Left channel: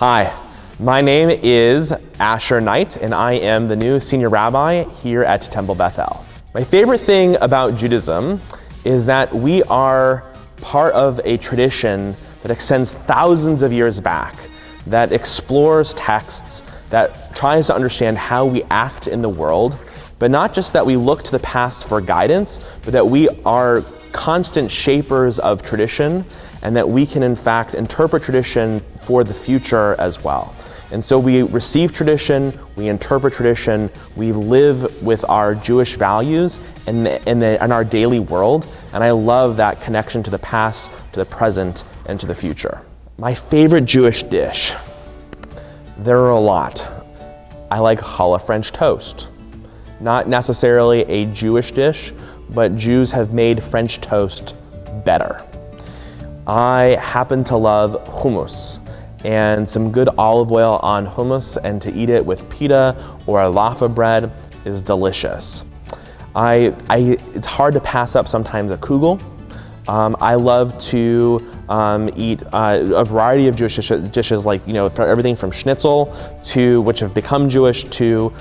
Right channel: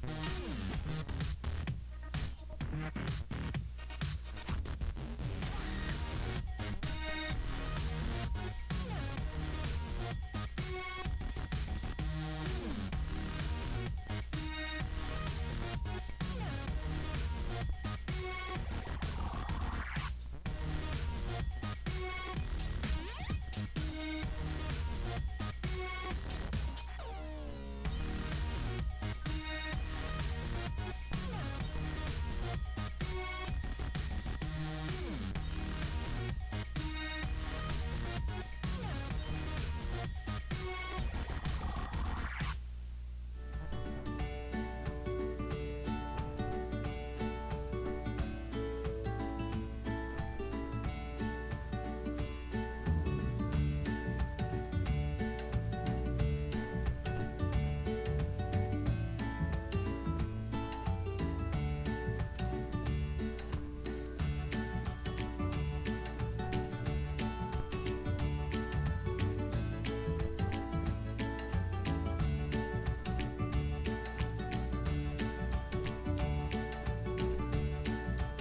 Hi, my name is Asher Knight, and I am the new senior rabbi here at Temple Bethel. My favorite thing about Judaism is that we are part of a tradition that extends thousands of years back, that explores texts, that tries to understand how we act in the world, but not just that we look to the past for guidance, but that we are constant shapers of tradition, and that we can in fact interpret tradition for the future as well. And so we receive tradition, we interpret tradition, we live with our Jewish values in our daily world, and I love that connection to the past, to the present, and to the future. My favorite Jewish dish, there are a lot. I like challah French toast. Not necessarily a Jewish dish, but Jews have made French toast better. I happen to love hummus, and some good olive oil on hummus, and to eat it with pita or laffa bread is delicious. It's hard to pass up sometimes a kugel. I love to eat a variety of Jewish dishes, like everything from schnitzel to which have become Jewish to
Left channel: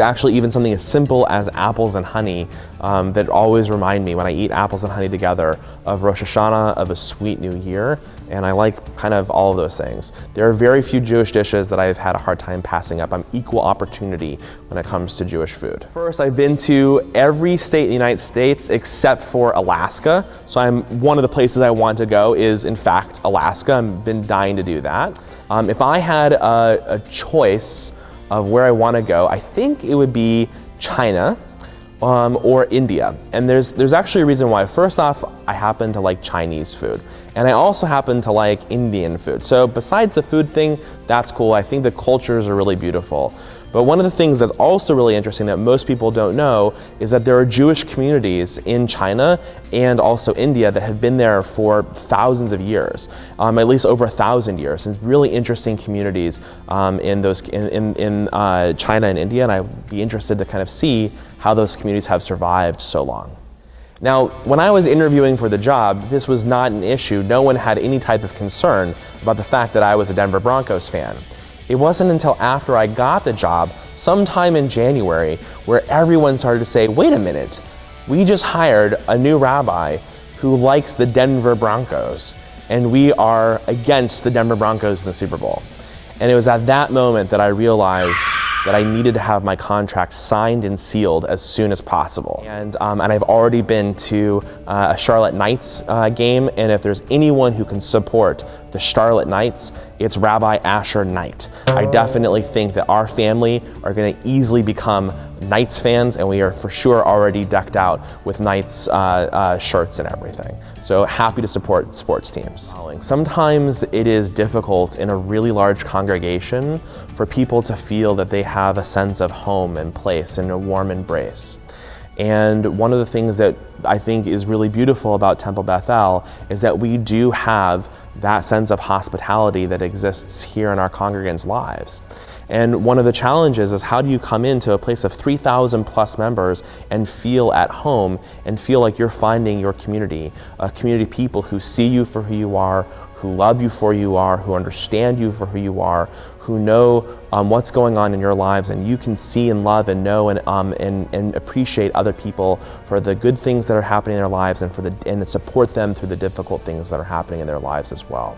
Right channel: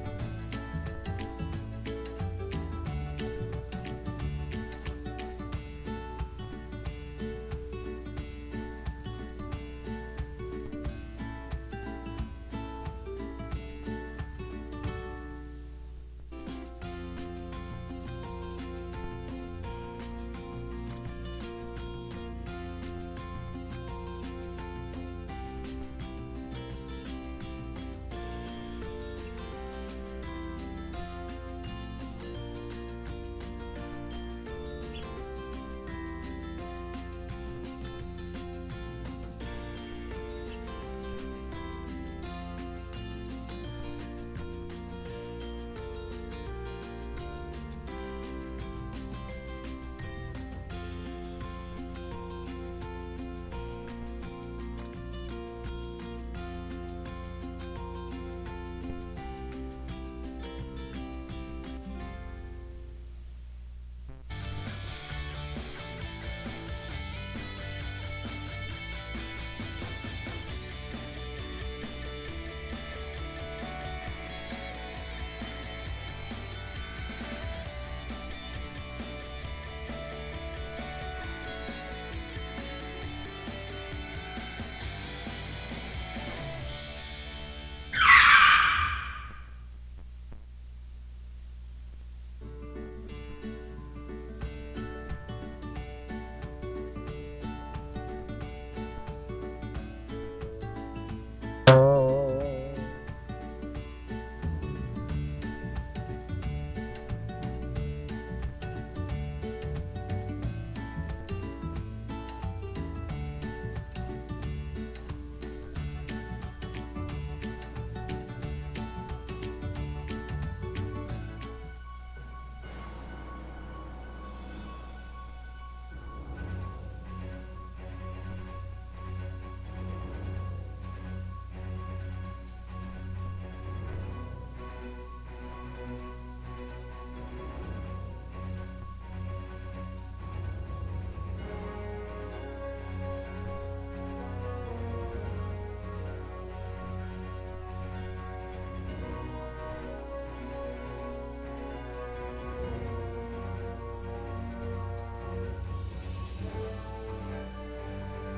actually even something as simple as apples and honey that always remind me when I eat apples and honey together of Rosh Hashanah, of a sweet new year, and I like kind of all of those things. There are very few Jewish dishes that I've had a hard time passing up. I'm equal opportunity when it comes to Jewish food. First, I've been to every state in the United States except for Alaska, so one of the places I want to go is in fact Alaska. I've been dying to do that. If I had a choice of where I want to go, I think it would be China or India. And there's actually a reason why. First off, I happen to like Chinese food. And I also happen to like Indian food. So besides the food thing, that's cool. I think the cultures are really beautiful. But one of the things that's also really interesting that most people don't know is that there are Jewish communities in China and also India that have been there for thousands of years, at least over 1,000 years. And really interesting communities in China and India, and I'd be interested to kind of see how those communities have survived so long. Now, when I was interviewing for the job, this was not an issue. No one had any type of concern about the fact that I was a Denver Broncos fan. It wasn't until after I got the job, sometime in January, where everyone started to say, wait a minute, we just hired a new rabbi who likes the Denver Broncos, and we are against the Denver Broncos in the Super Bowl. And it was at that moment that I realized that I needed to have my contract signed and sealed as soon as possible. And I've already been to a Charlotte Knights game, and if there's anyone who can support the Charlotte Knights, it's Rabbi Asher Knight. I definitely think that our family are going to easily become Knights fans, and we are for sure already decked out with Knights shirts and everything. So happy to support sports teams. Sometimes it is difficult in a really large congregation for people to feel that they have a sense of home and place and a warm embrace. And one of the things that I think is really beautiful about Temple Bethel is that we do have that sense of hospitality that exists here in our congregants' lives. And one of the challenges is, how do you come into a place of 3,000 plus members and feel at home and feel like you're finding your community, a community of people who see you for who you are, who love you for who you are, who understand you for who you are, who know what's going on in your lives, and you can see and love and know and appreciate other people for the good things that are happening in their lives and support them through the difficult things that are happening in their lives as well.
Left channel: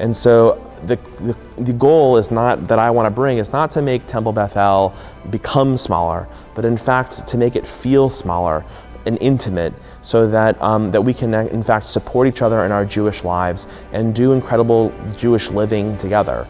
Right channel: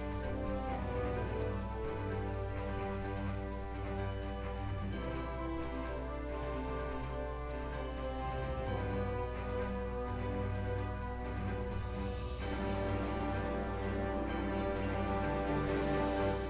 And so the goal is not that I want to bring is not to make Temple Bethel become smaller, but in fact to make it feel smaller and intimate, so that that we can in fact support each other in our Jewish lives and do incredible Jewish living together.